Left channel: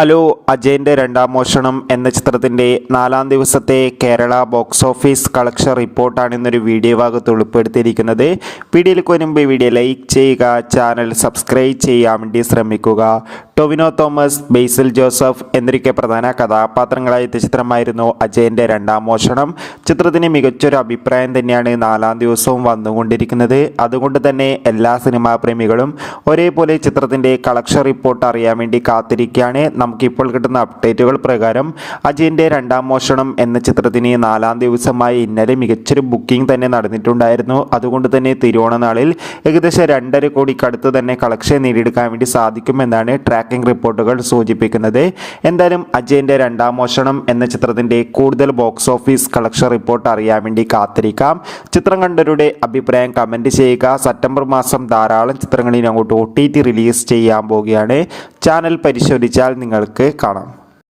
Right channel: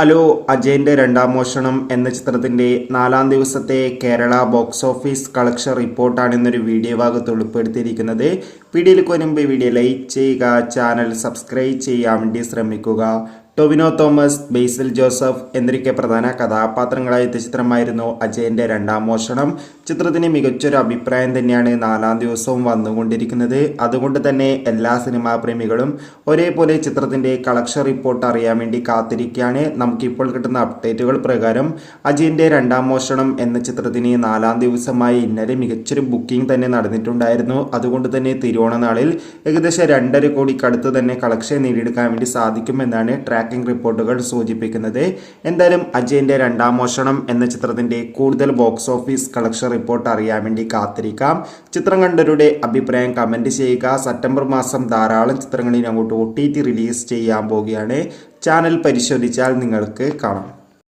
Hello, അജയൻ്റെ രണ്ടാം മോഷണം എന്ന ചിത്രത്തിൻ്റെ 4-ാം ദിവസത്തെ കേരള ബോക്സ് ഓഫീസ് കളക്ഷൻ റിപ്പോർട്ടാണ് ഇന്നൊരു വീഡിയോ ഭാഗത്ത് ഉൾപ്പെടുത്തിയിരിക്കുന്നത്. വീഡിയോയിലേക്ക് വരുമ്പോൾ വീഡിയോ ലൈക്ക് ചെയ്യുക, ചാനൽ സബ്സ്ക്രൈബ് ചെയ്യാൻ വേണ്ടി ശ്രമിക്കുക. ടൊവിനോ തോമസ്, ബേസിൽ ജോസഫ് എന്നിവരൊക്കെ പ്രധാന കഥാപാത്രങ്ങളായ ചിത്രമായിരുന്നു അജയൻ്റെ രണ്ടാം മോഷണം. ചിത്രത്തിന് മികച്ചൊരു അഭിപ്രായം തന്നെയാണ് 4-ാം ദിവസവും വന്നുകൊണ്ടിരിക്കുന്നത്. അതുകൊണ്ട് തന്നെ എല്ലാ സിനിമാ പ്രേമികളും ഒരേപോലെ ചിത്രത്തിൻ്റെ കളക്ഷൻ റിപ്പോർട്ട് അറിയാൻ വേണ്ടി കാത്തിരിക്കുകയാണ്. നമുക്കിപ്പോൾ കിട്ടുന്ന അപ്ഡേറ്റുകൾ പ്രകാരം അജയൻ്റെ രണ്ടാം മോഷണം എന്ന ചിത്രത്തിന് 4-ാം ദിവസമായി ഇന്നലെ മികച്ചൊരു ബുക്കിംഗ് തന്നെ നടന്നിട്ടുണ്ടായിരുന്നു. അതുകൊണ്ട് തന്നെ തിരുവോണനാളിൽ ഏകദേശം 2.5 കോടിക്കടുത്ത് തന്നെ കളക്ഷൻ നേടിയെടുക്കാൻ വേണ്ടി സാധിക്കുമെന്നാണ് ട്രാക്കിംഗ് റിപ്പോർട്ടുകൾ സൂചിപ്പിക്കുന്നത്. എന്തായാലും അജയൻ്റെ രണ്ടാം മോഷണം എന്ന ചിത്രത്തിൻ്റെ കൂടുതൽ ബോക്സ് ഓഫീസ് കളക്ഷൻ റിപ്പോർട്ട് അറിയാൻ വേണ്ടി കാത്തിരിക്കാം. ചിത്രം കണ്ടവരുടെ അഭിപ്രായം കമൻറ്റ് ചെയ്യുക. സെപ്റ്റംബർ മാസം ധാരാളം ചിത്രങ്ങളിൽ അങ്ങോട്ട് OTT റിലീസ് ചെയ്യാൻ പോവുകയാണ്. ചാനൽ പരിശോധിച്ചാൽ നിങ്ങൾക്ക് കാണാം.